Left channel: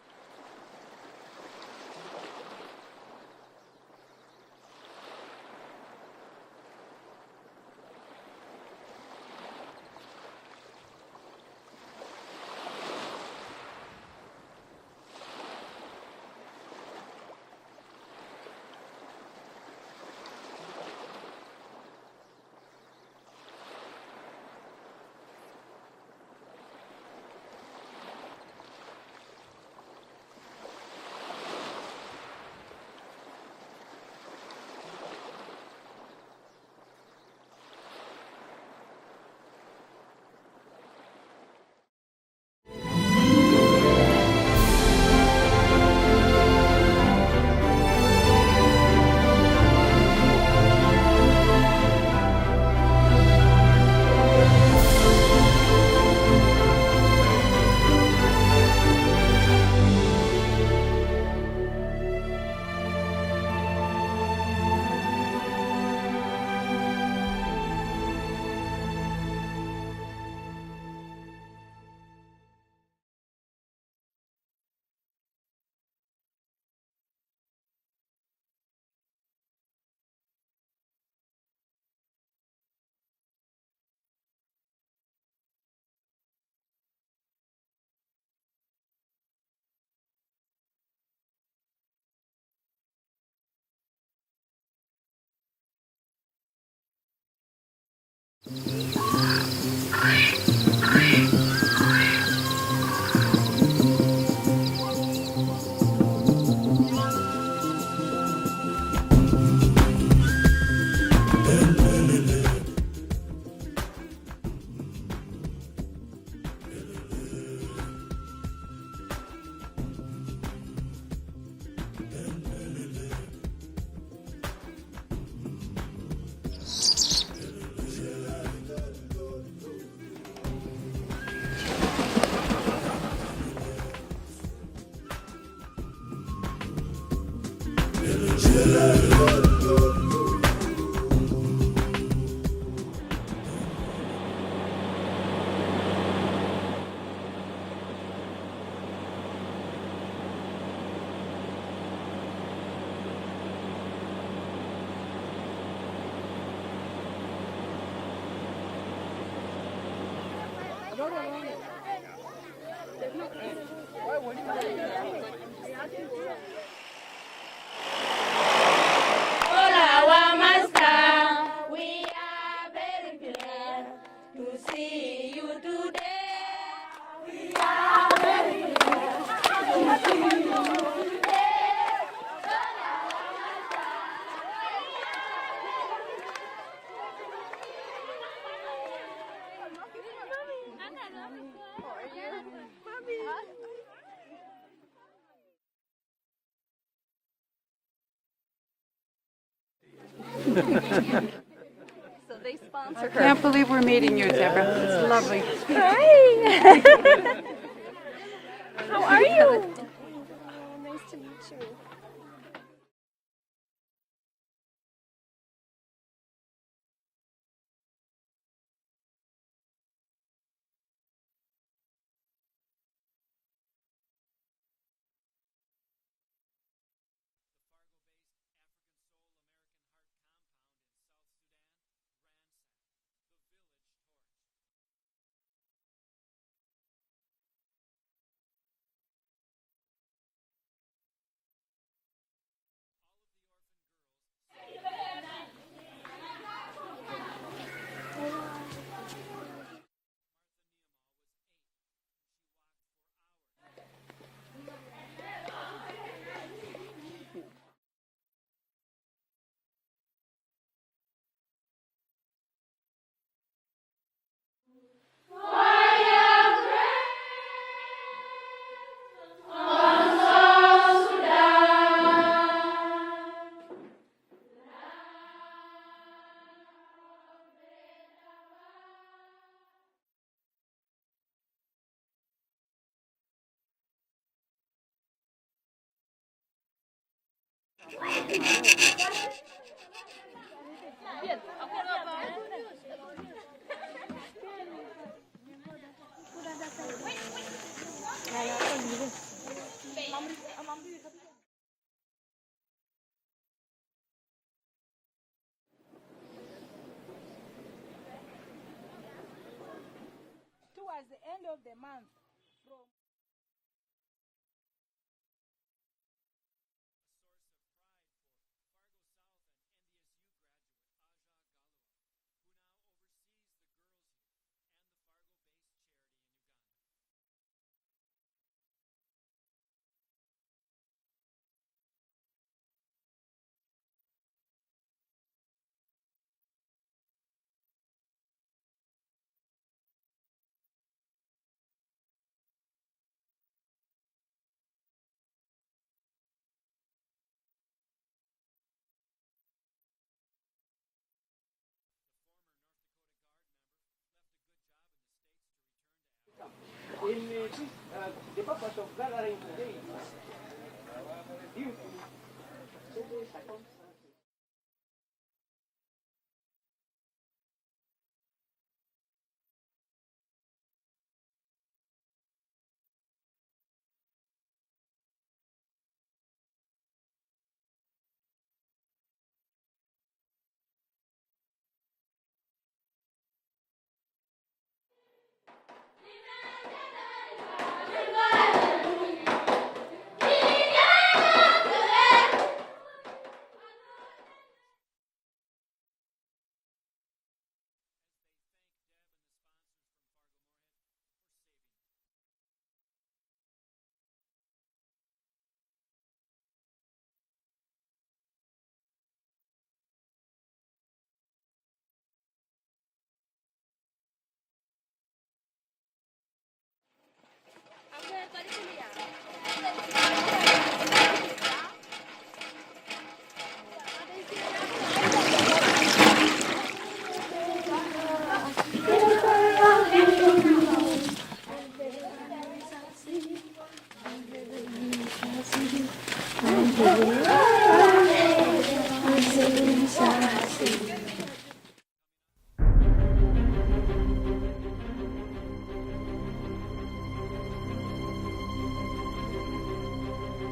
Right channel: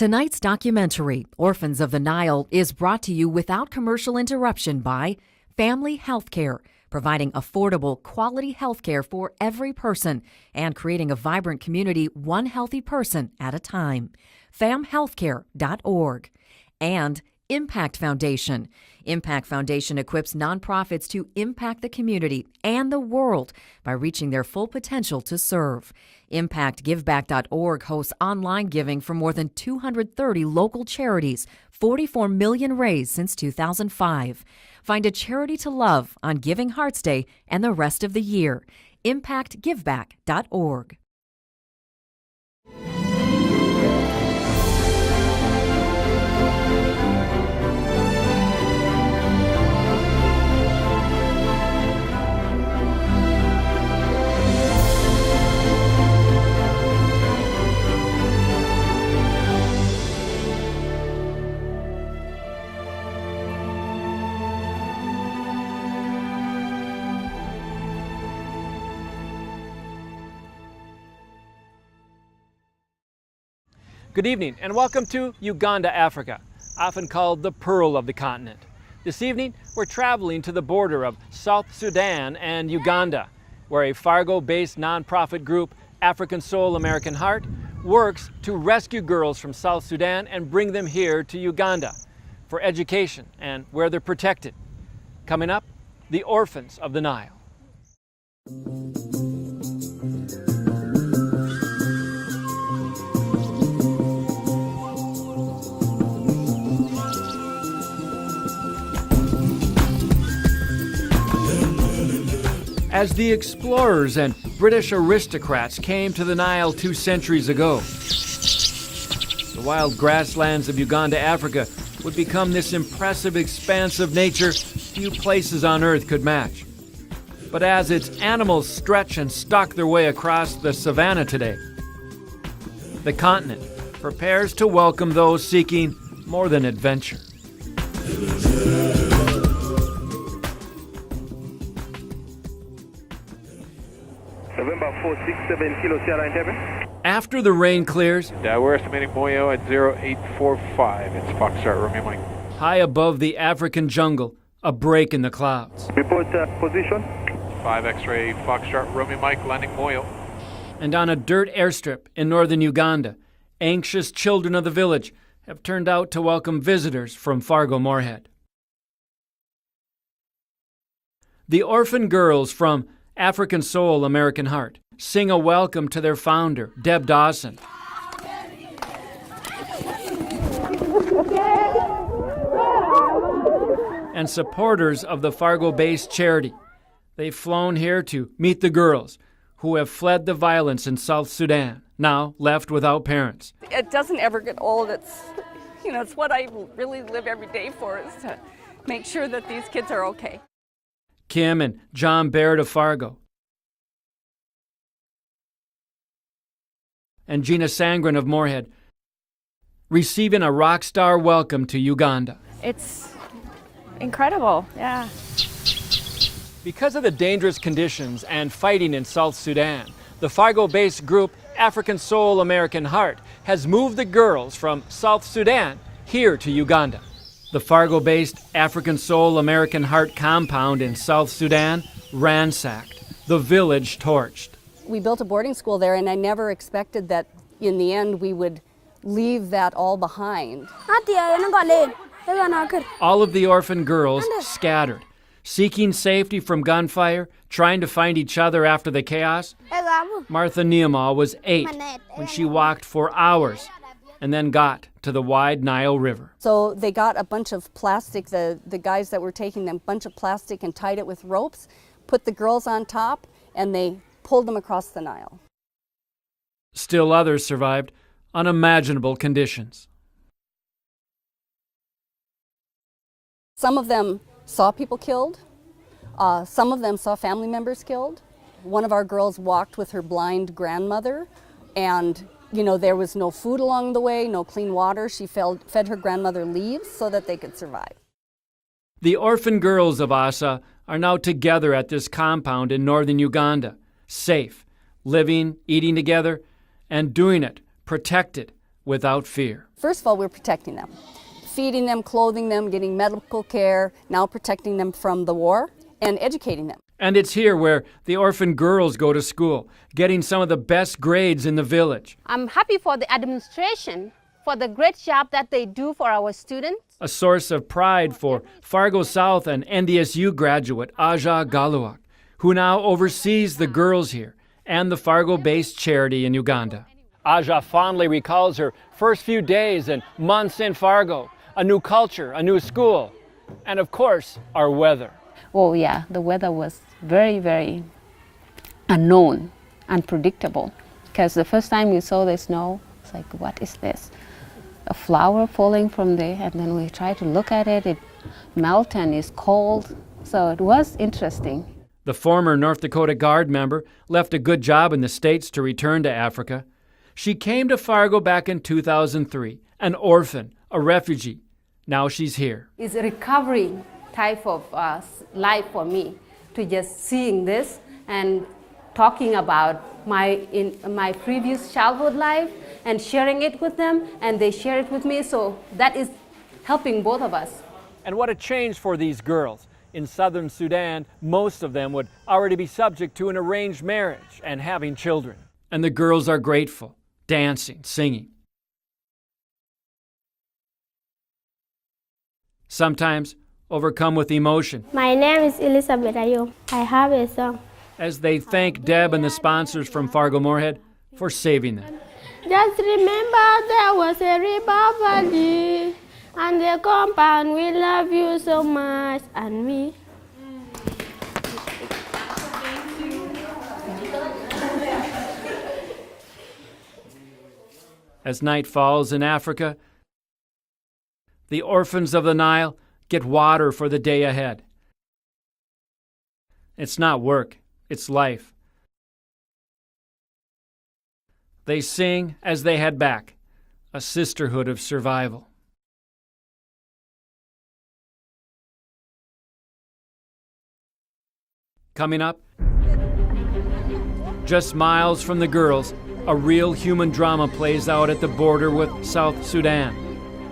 Tonight's documentary, Orphans of the Nile, is brought to you without commercial interruption by Family Healthcare, providing affordable, quality healthcare for every person and creating a vibrant community one healthy person at a time. famhealthcare.org. And Impact Foundation. Impact Foundation equips nonprofits to impact the community and the world by reaching their full potential to serve. ImpactGiveback.org hosts online giving for more than 230 local charities, 44 million raised since 2005. Find a charity to love on Giving Hearts Day and the rest of the year. ImpactGiveback.org. Good evening and welcome to Uganda, Africa, often called the Pearl of the continent. This evening, we're traveling to the border of South Sudan and Uganda, where a Fargo-based nonprofit group, African Soul American Heart, works to rescue girls from South Sudan and bring them here to Uganda for education and where they're protected. Coming up, the Orphans of the Nile. As the explorers and British aristocrats came to the Nile 2 centuries ago, the wild grasslands of Uganda, Africa, would become this impressive expanse of nature few places on Earth could match. But as its animals stretch and stalk their way across the savanna today, the continent prepares to welcome those seeking more than adventure. After the rain clears, we're estimating Moyo at 0845. It's Foxtrot Romeo Mike. high above the African jungle, a break in the clouds. Report position. 5 X-ray Foxtrot Romeo Mike landing Moyo. And on a dirt airstrip in northern Uganda, anxious children of the village have turned out to welcome visitors from Fargo-Moorhead. The orphan girls from African Soul American Heart sing a welcome to their founder, Deb Dawson. And supporters of the Fargo-based charity. They've flown here to meet the girls who have fled the violence in South Sudan, now left without parents. It doesn't ever get old. It's what I really live every day for, is to make sure that these kids are okay. Kim and John Baird of Fargo. Can't believe we're meeting you, Deborah. It's lovely. Hi. And Gina Sangren of Moorhead. How are you? Receiving a rock star welcome to Uganda. It's incredible, yeah. Because of the dangerous conditions and fighting in South Sudan, the Fargo-based group African Soul American Heart has moved the girls from South Sudan here to Uganda. The Fargo-based African Soul American Heart compound in South Sudan ransacked, the village torched. We built a boarding school there, and I never expected that in the end we would leave that all behind. All of the orphan girls scattered, seeking safety from gunfire, trying to find each other after the chaos. Martha Niemau was 8 when she walked for hours and then got to the wide Nile River. So they got a bunch of plastic, the guys that were taking them, a bunch of plastic and tied it with ropes, put the girls on top, and they pulled them across the Nile. Still others survived unimaginable conditions. Some of them saw people killed. Some of them saw family members killed. One of our girls walked with her blind grandmother, and there was no food along the way, no clean water. She fed her grandmother leaves so that they could survive. The orphan girls of Asa are now together at this compound in northern Uganda, safe, living, eating together, and doing it protected without fear. First of all, we're protecting them, feeding them, clothing them, getting medical care, now protecting them from the war, and educating them. And it's here where the orphan girls go to school, getting some of the best grades in the village. I'm happy for the administration for the great job that they do for our students. A source of pride for Fargo South and NDSU graduate Aja Galuak, who now oversees the girls here and the Fargo-based charity in Uganda. Aja fondly recalls her first few days and months in Fargo, a new culture, a new school, and of course, our weather. Oh yeah, the weather was very, very unknown, unpredictable. Because the first time we saw the snow, it's like, what is this? A flower falling from there, and then we try to look at it, it melts and is cold. So it was interesting. The former North Dakota Guard member left a good job in the States to return to Africa. She came to Fargo back in 2003, an orphan, a refugee. Now she's here. It's a recovery type of life for me, to just seeing this and talking about my previous childhood life and sharing it with them, and they share it with me, so that is helping both of us. And what a change for these girls. In southern Sudan, most of them would already be subject to an arranged marriage and having children. And the girls are grateful, dancing, singing. Sometimes overcome with emotion. My name is Elizabeth Ayo. I have a song. As they thank Deb and the sponsors from Fargo Moorhead for saving them. Just remember there was a river valley, and the compound, we love you so much, and me. As night falls in Africa, the orphans of the Nile get water for the day ahead. It's not work, it's life. They sing as they head back, a sisterhood of survival. Coming up, just miles from the girls, a real human drama plays out at the border with South Sudan,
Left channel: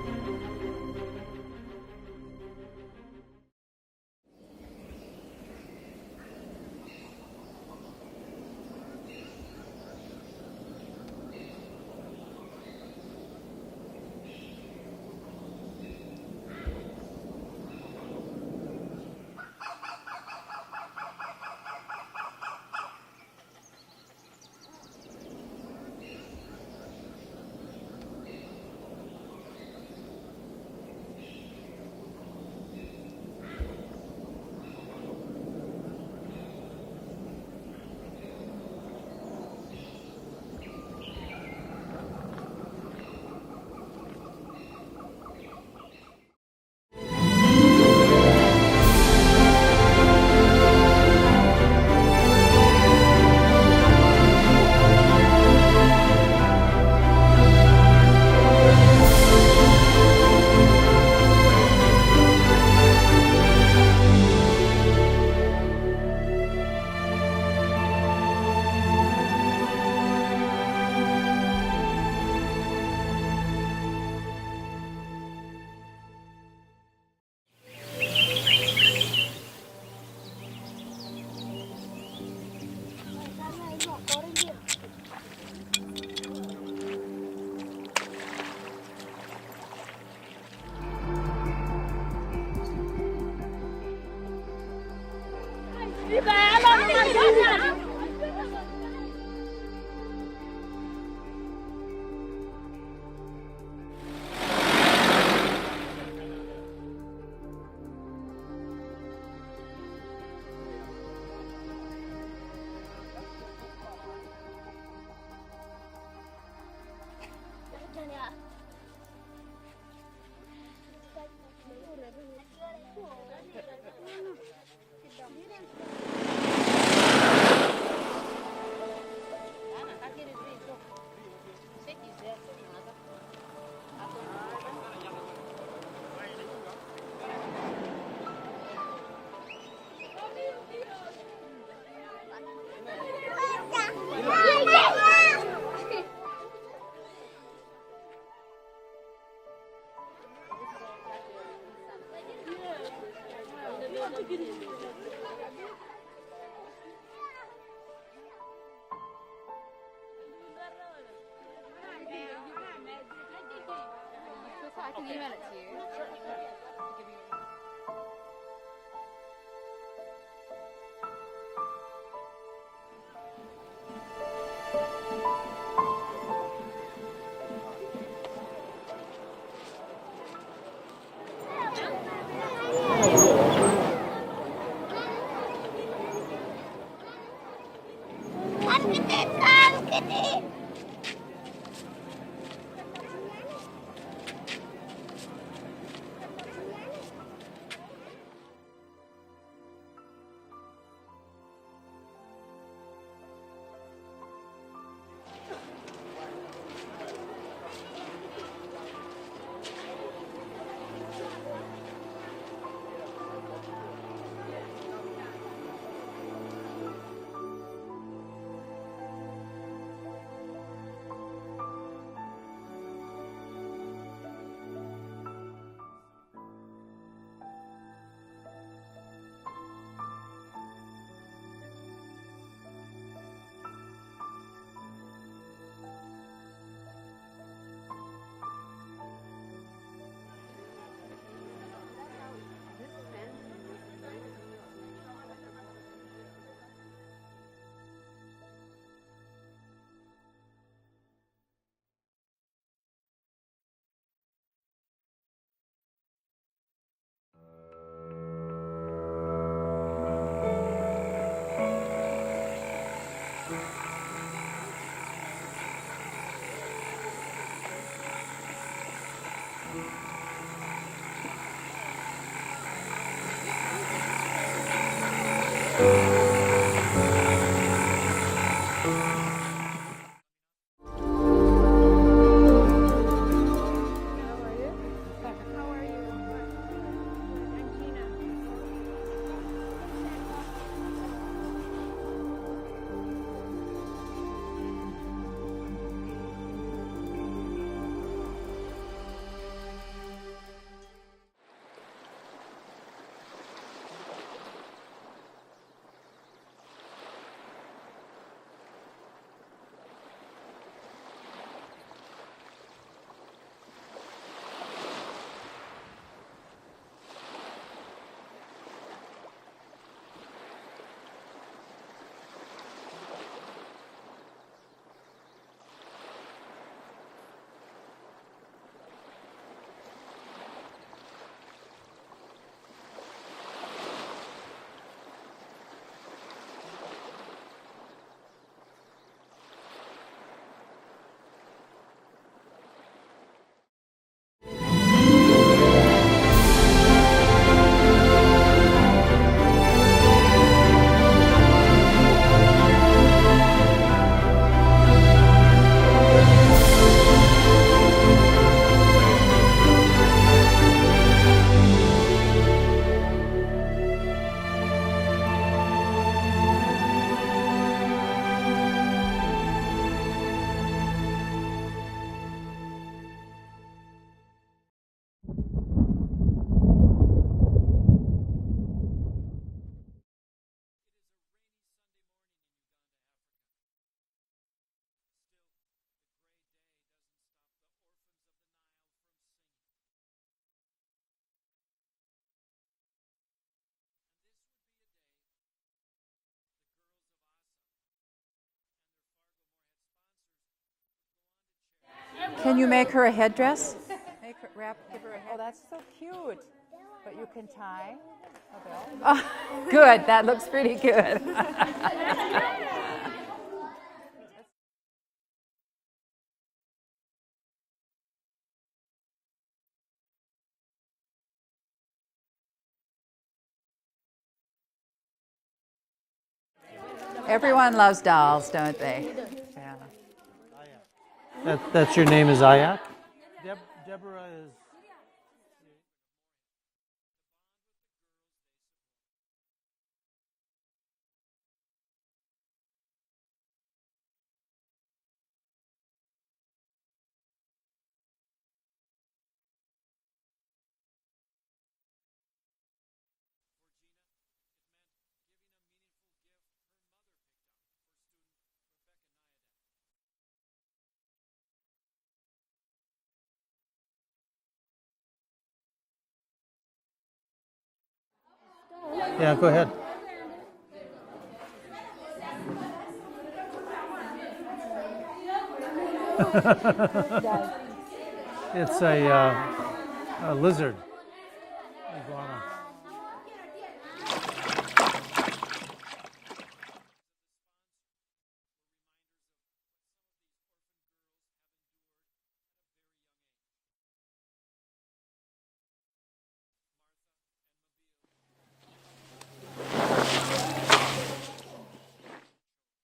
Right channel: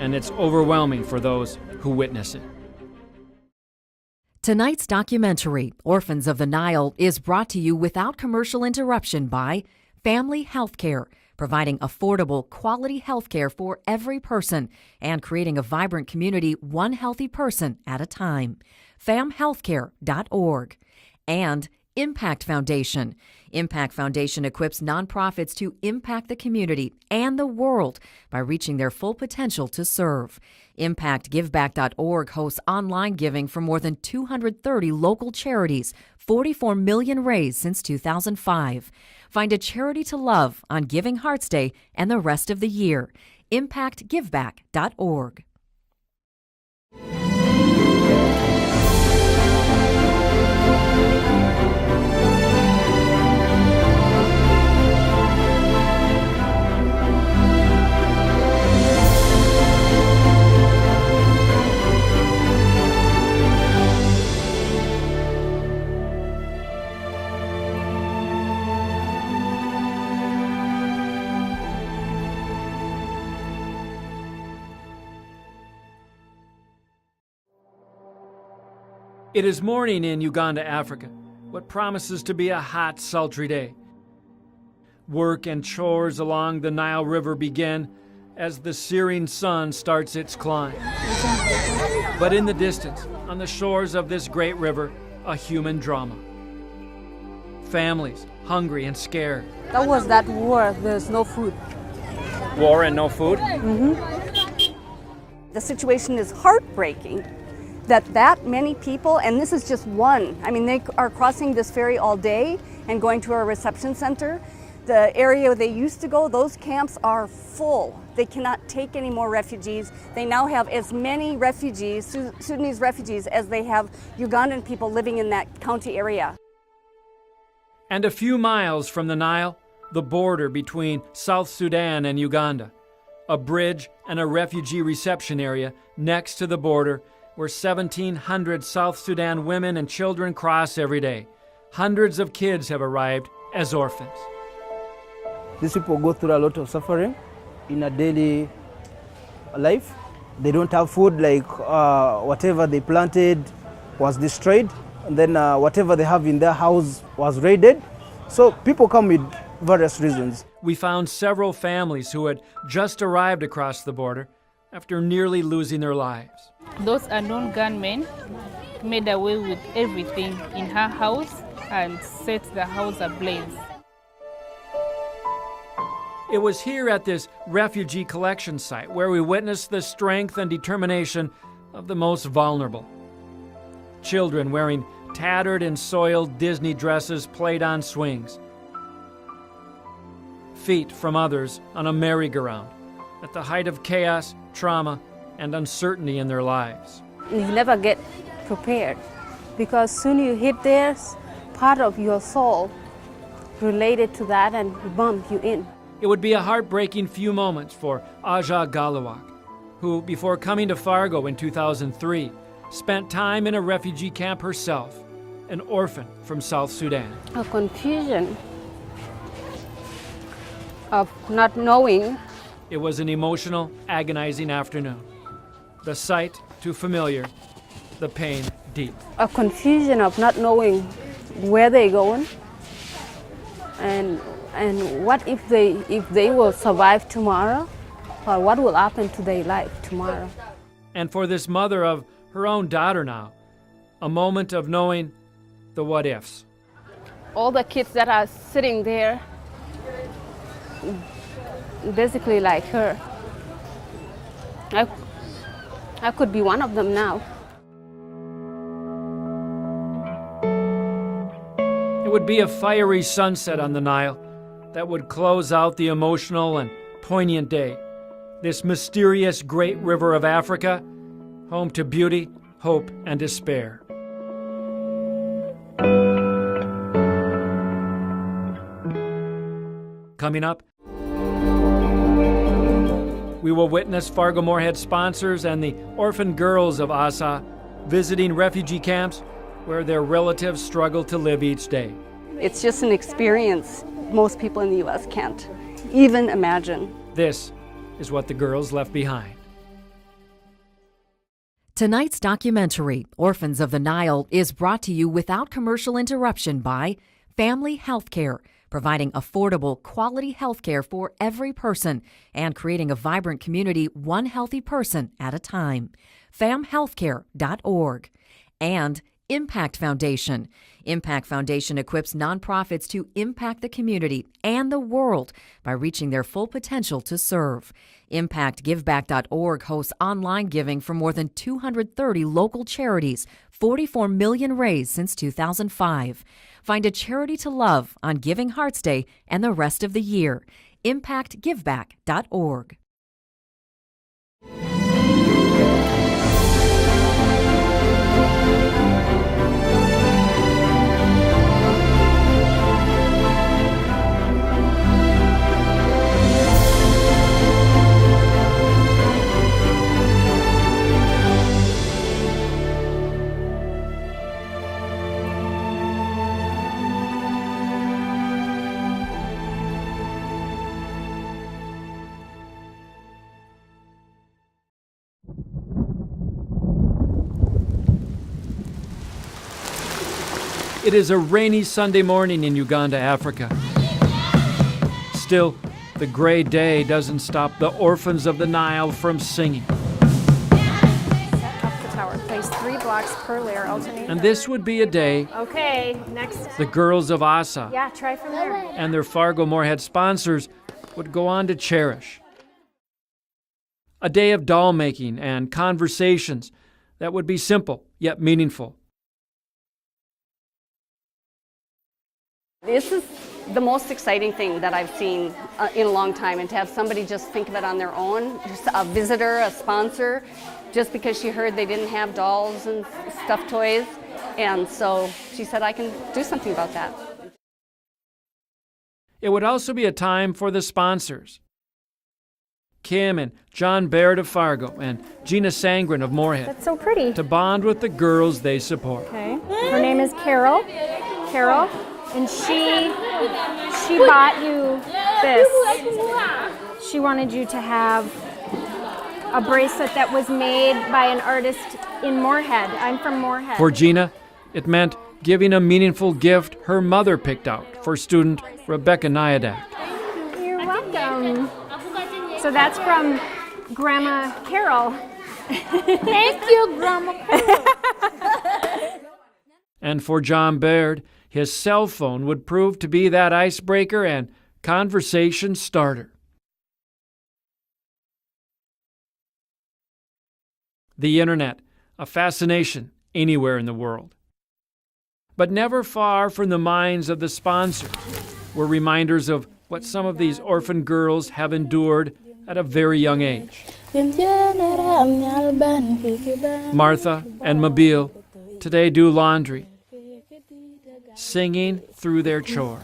and it's overwhelming for those who witness it. Tonight's documentary, Orphans of the Nile, is brought to you without commercial interruption by Family Healthcare, providing affordable, quality health care for every person and creating a vibrant community one healthy person at a time. famhealthcare.org. And Impact Foundation. Impact Foundation equips nonprofits to impact the community and the world by reaching their full potential to serve. ImpactGiveback.org hosts online giving for more than 230 local charities, 44 million raised since 2005. Find a charity to love on Giving Hearts Day and the rest of the year. ImpactGiveback.org. It is morning in Uganda, Africa, what promises to be a hot, sultry day. Work and chores along the Nile River begin as the searing sun starts its climb. But in the distance, on the shores of this great river, a human drama. Families, hungry and scared. That was that war, there's no food. War and no food? The situation is heartbreaking that many people, and this is just one, I mean, they are crossing this ferry all day and going to our reception center. The area they used to go, those camps are full. They cannot take any more refugees. They now have as many refugees, Sudanese refugees, as they have Ugandan people living in that county area. And a few miles from the Nile, the border between South Sudan and Uganda. A bridge and a refugee reception area next to the border where 1,700 South Sudan women and children cross every day. Hundreds of kids have arrived as orphans. These people go through a lot of suffering in a daily life. They don't have food, like whatever they planted was destroyed, and then whatever they have in their house was raided. So people come with various reasons. We found several families who had just arrived across the border after nearly losing their lives. Those unknown gunmen made away with everything in her house and set the house ablaze. It was here at this refugee collection site where we witnessed the strength and determination of the most vulnerable. Children wearing tattered and soiled Disney dresses played on swings. Feet from others on a merry-go-round at the height of chaos, trauma, and uncertainty in their lives. You never get prepared because soon you hit there, part of your soul related to that and bump you in. It would be a heartbreaking few moments for Aja Galawak, who, before coming to Fargo in 2003, spent time in a refugee camp herself, an orphan from South Sudan. A confusion of not knowing. It was an emotional, agonizing afternoon. The sight too familiar, the pain deep. A confusion of not knowing where they're going and what if they will survive tomorrow, or what will happen to their life tomorrow. And for this mother of her own daughter now, a moment of knowing the what ifs. All the kids that are sitting there, basically like her, I could be one of them now. It would be a fiery sunset on the Nile that would close out the emotional and poignant day. This mysterious great river of Africa, home to beauty, hope, and despair. Coming up, we will witness Fargo-Moorhead sponsors and the orphan girls of Asa visiting refugee camps where their relatives struggle to live each day. It's just an experience most people in the U.S. can't even imagine. This is what the girls left behind. Tonight's documentary, Orphans of the Nile, is brought to you without commercial interruption by Family Healthcare, providing affordable, quality health care for every person and creating a vibrant community one healthy person at a time. famhealthcare.org. And Impact Foundation. Impact Foundation equips nonprofits to impact the community and the world by reaching their full potential to serve. ImpactGiveback.org hosts online giving for more than 230 local charities, 44 million raised since 2005. Find a charity to love on Giving Hearts Day and the rest of the year. ImpactGiveback.org. It is a rainy Sunday morning in Uganda, Africa. Still, the gray day doesn't stop the Orphans of the Nile from singing. Up the tower. Place 3 blocks per layer, alternate. And this would be a day Okay, next. the girls of Asa Yeah, try from there. and their Fargo-Moorhead sponsors would go on to cherish. Can you make her a headdress? A day of doll making and conversations that would be simple yet meaningful. Oh, good. That looks pretty good. This is the most exciting thing that I've seen in a long time, and to have somebody just think of it on their own, just a visitor, a sponsor, just because she heard they didn't have dolls and stuffed toys. And so she said, I can do something about that. Everyone loves dolls, don't they? It would also be a time for the sponsors. That's your name is Aya? Kim and John Baird of Fargo and Gina Sangren of Moorhead. That's so pretty. To bond with the girls they support. Okay. Her name is Carol. Carol. And she bought you this. She wanted you to have a bracelet that was made by an artist in Moorhead. I'm from Moorhead. For Gina, it meant giving a meaningful gift her mother picked out for student Rebecca Nyadak. You're welcome. So that's from Grandma Carol. Thank you, Grandma Carol. Yeah, go ahead. And for John Baird, his cell phone would prove to be that icebreaker, and conversation started. It's a lizard. The internet, a fascination anywhere in the world. But never far from the minds of the sponsors were reminders of what some of these orphan girls have endured at a very young age. Martha and Mabille today do laundry, singing through their chores.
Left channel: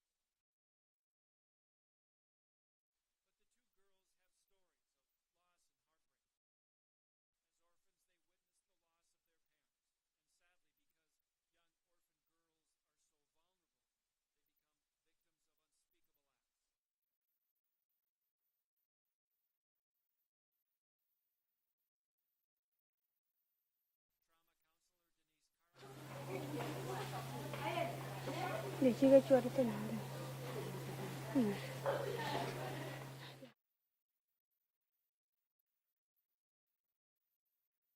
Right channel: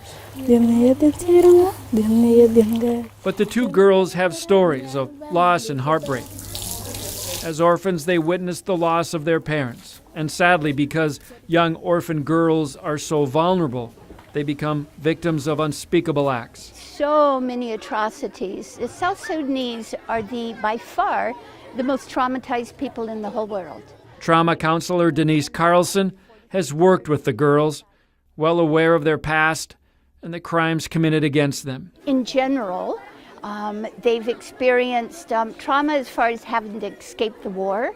But the two girls have stories of loss and heartbreak. As orphans, they witnessed the loss of their parents. And sadly, because young orphan girls are so vulnerable, they become victims of unspeakable acts. So many atrocities. The South Sudanese are by far, the most traumatized people in the whole world. Trauma counselor Denise Carlson has worked with the girls, well aware of their past and the crimes committed against them. In general, they've experienced trauma as far as having to escape the war,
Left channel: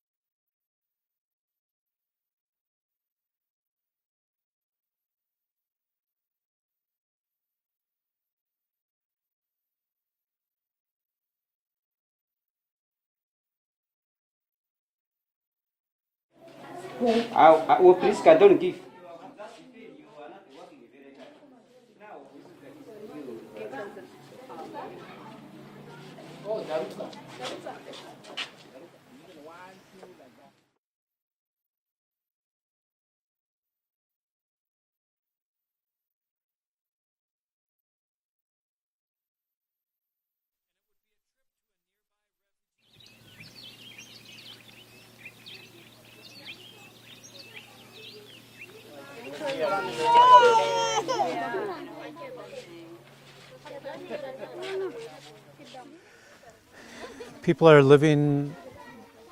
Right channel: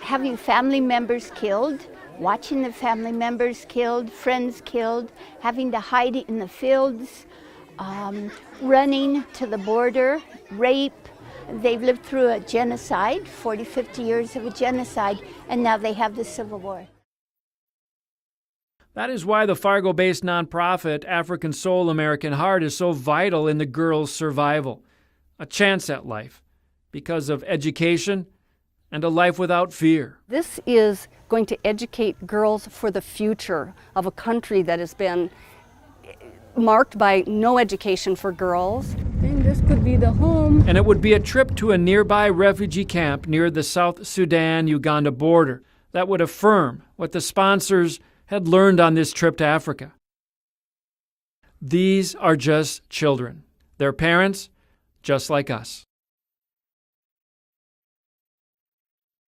having family members killed, watching the family members killed, friends killed, having to hide in the fields, running to the border, rape. They've lived through a genocide, 40, 50 years of a genocide, and now they have the Civil War. That is why the Fargo-based nonprofit African Soul American Heart is so vital in the girls' survival. A chance at life because of education and a life without fear. This is going to educate girls for the future of a country that has been marked by no education for girls. And this could be the home. And it would be a trip to a nearby refugee camp near the South Sudan-Uganda border that would affirm what the sponsors had learned on this trip to Africa. These are just children. Their parents, just like us. People are living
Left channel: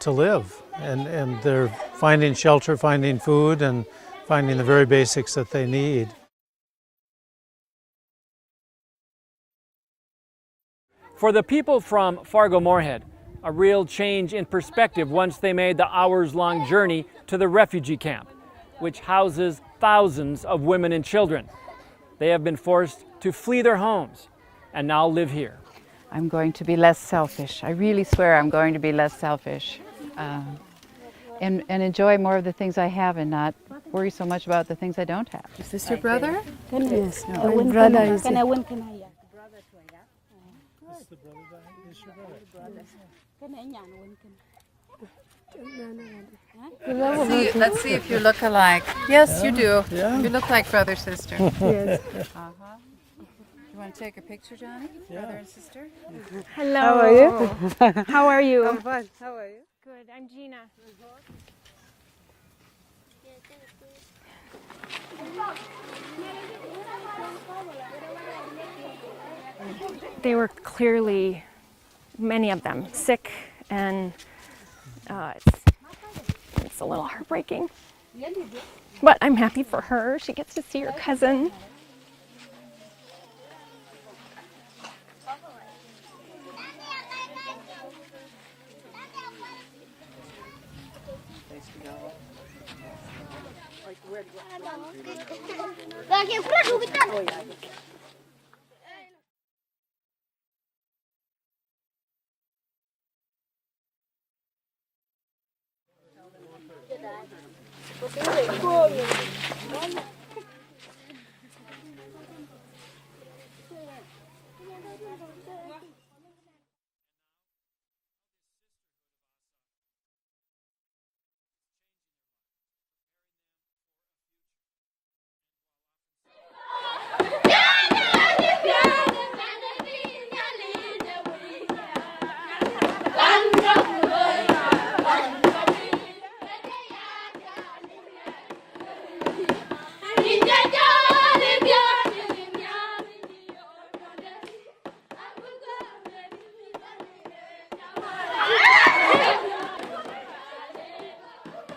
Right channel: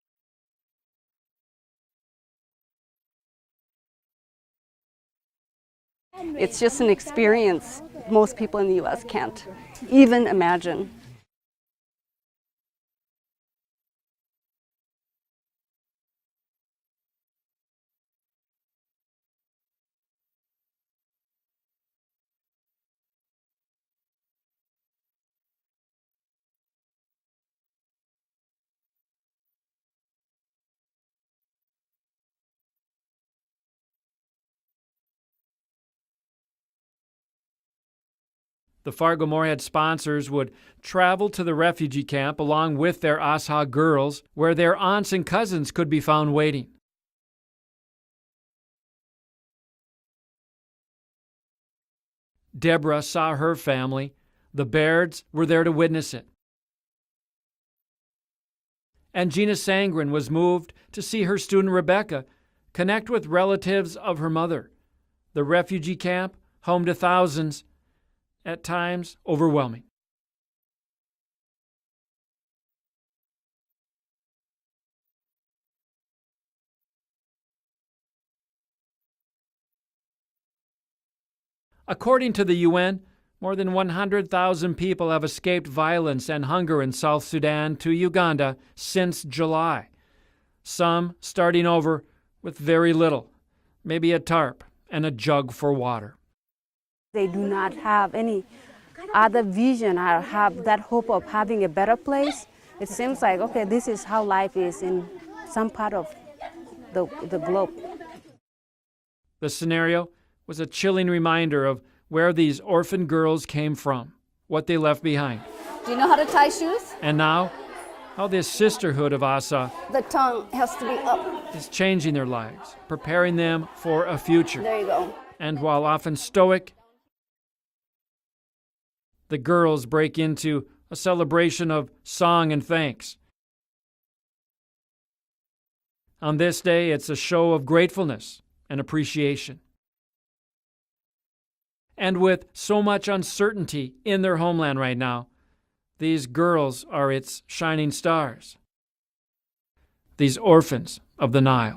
to live, and they're finding shelter, finding food, and finding the very basics that they need. It's just an experience most people in the U.S. can't even imagine. For the people from Fargo-Moorhead, a real change in perspective once they made the hours-long journey to the refugee camp, which houses thousands of women and children. They have been forced to flee their homes and now live here. I'm going to be less selfish. I really swear I'm going to be less selfish and enjoy more of the things I have and not worry so much about the things I don't have. Is this your brother? Yes, my brother is there. The Fargo-Moorhead sponsors would travel to the refugee camp along with their Asa girls, where their aunts and cousins could be found waiting. Let's see if you look alike. Yes, you do. Yeah. You look like brother, sister. Yes. Deborah saw her family. The Bairds were there to witness it. Hello. How are you? How are you? And Gina Sangren was moved to see her student Rebecca connect with relatives of her mother. The refugee camp, home to thousands, at times overwhelming. They were clearly, many of them, sick, and it's a little heartbreaking. But I'm happy for her. She gets to see her cousin. According to the UN, more than 100,000 people have escaped violence and hunger in South Sudan to Uganda since July. Some starting over with very little, maybe a tarp and a jug for water. They do not have any other vision or have that hope of having a better place. It seems like, okay, this is how life is in some part of the globe. The scenario was a chilling reminder of where these orphan girls came from, what they left behind. Do you know how to tie shoes? And now, how this sisterhood of Asa The tongue has to be up. is changing their lives, preparing them for a future. There you go. And while often stoic, the girls break into a celebration of song and thanks. On this day, it's a show of gratefulness and appreciation. And with so much uncertainty in their homeland right now, these girls are its shining stars. These orphans of the Nile.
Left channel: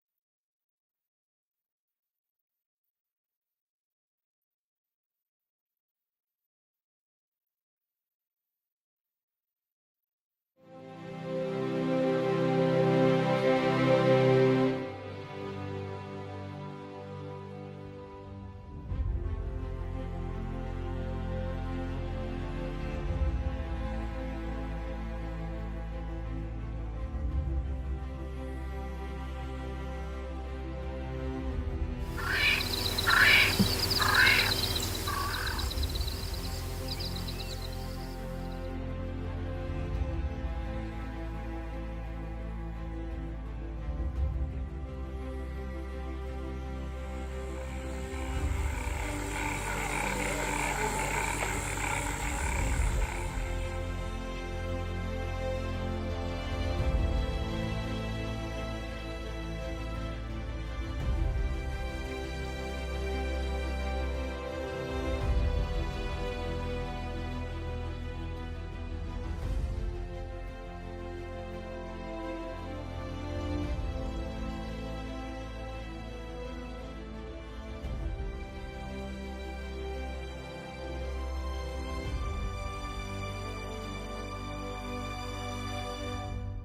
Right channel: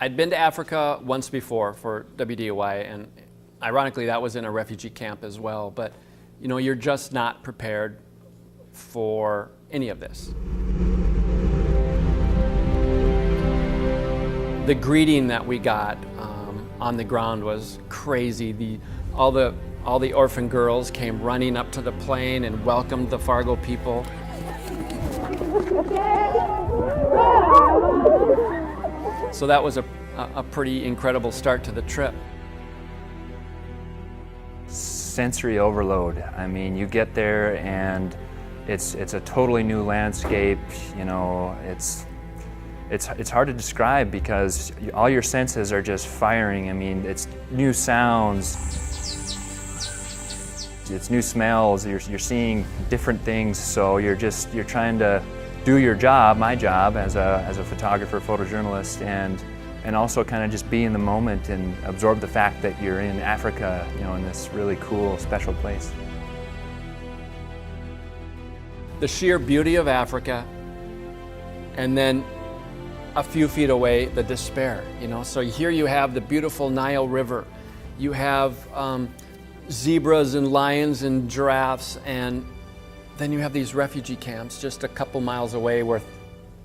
I'd been to Africa once before for WDOY, and ironically that was in a refugee camp as well, but you know, you're just not prepared for any of this. The greeting that we got on the ground was crazy. All the orphan girls came running up to the plane and welcomed the Fargo people. So that was a pretty incredible start to the trip. Sensory overload. I mean, you get there and it's a totally new landscape. You know, it's hard to describe because all your senses are just firing. I mean, it's new sounds, it's new smells. You're seeing different things. So you're trying to do your job, my job as a photographer, photojournalist, and also kind of just be in the moment and absorb the fact that you're in Africa, you know, in this really cool, special place. The sheer beauty of Africa, and then a few feet away, the despair, you know. So here you have the beautiful Nile River. You have zebras and lions and giraffes, and then you have these refugee camps just a couple miles away where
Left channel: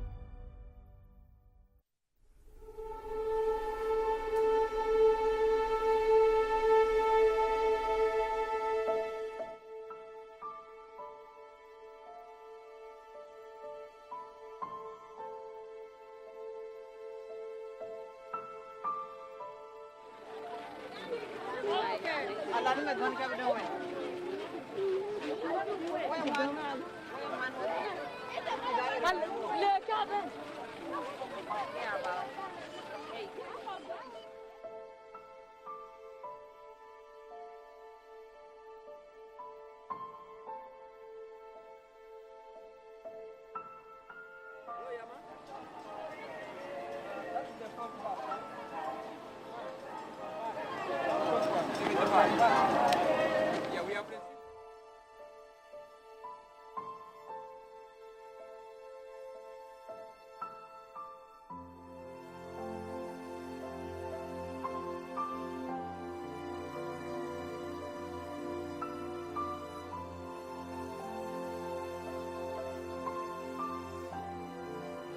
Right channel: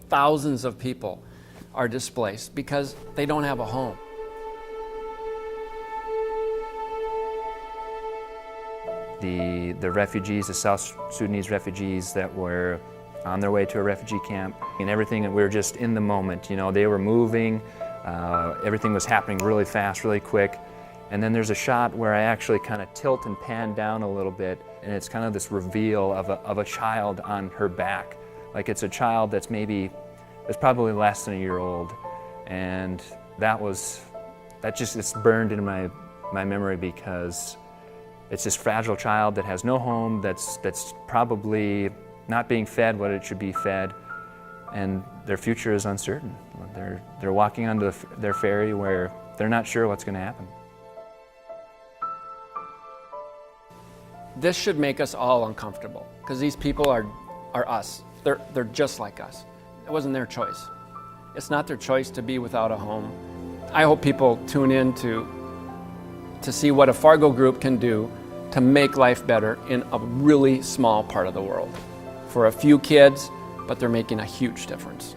thousands of people are displaced because they don't have a home. The refugees, the South Sudanese refugees that were on their way to a refugee camp, and everything, and we were just in the moment. You know, they were moving, everything was happening really fast, really quick. And then there's a shot where I actually kind of tilt and pan down a little bit, and it's kind of this reveal of a child on her back. Like it's a child that's probably less than a year old. And that just it's burned into my memory, because it's this fragile child that has no home, that's probably not being fed what it should be fed, and their future is uncertain. They're walking onto their ferry where they're not sure what's going to happen. This should make us all uncomfortable, because these people are us. They're just like us. It wasn't their choice. It's not their choice to be without a home. I hope people tune in to see what a Fargo group can do to make life better in a really small part of the world. For a few kids, but they're making a huge difference.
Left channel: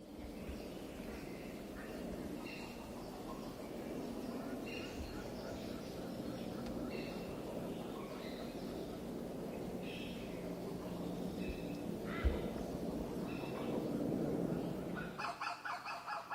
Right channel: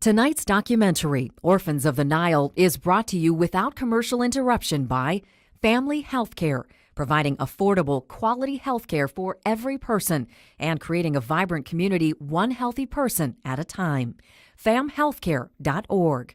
Tonight's documentary, Orphans of the Nile, is brought to you without commercial interruption by Family Healthcare, providing affordable, quality healthcare for every person and creating a vibrant community one healthy person at a time. famhealthcare.org.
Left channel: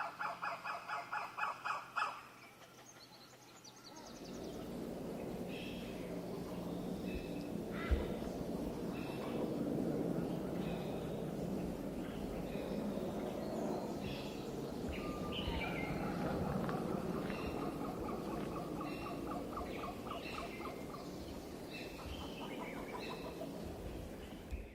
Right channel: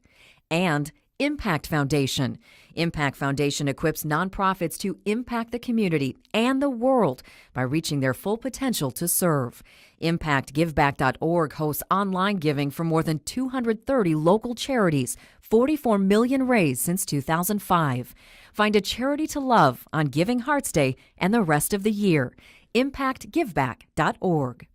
And Impact Foundation. Impact Foundation equips nonprofits to impact the community and the world by reaching their full potential to serve. ImpactGiveback.org hosts online giving for more than 230 local charities, 44 million raised since 2005. Find a charity to love on Giving Hearts Day and the rest of the year. ImpactGiveback.org.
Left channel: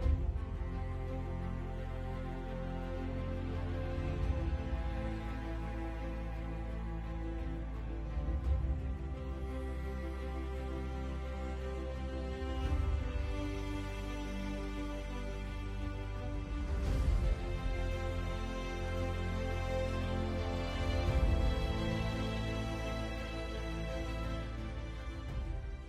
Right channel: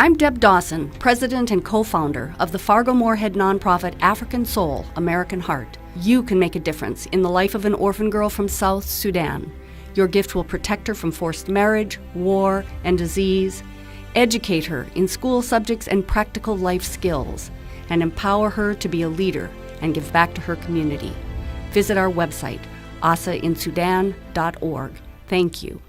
I'm Deb Dawson, president and co-founder of the Fargo-Moorhead nonprofit African Soul, American Heart. You can make a difference in the life of an orphan girl from South Sudan. Your gift will protect her from forced marriage, war, and disease, educate her in school subjects and practical life skills, and empower her to be a leader and give back to her community. Visit our website, asainsudan.org. Thank you.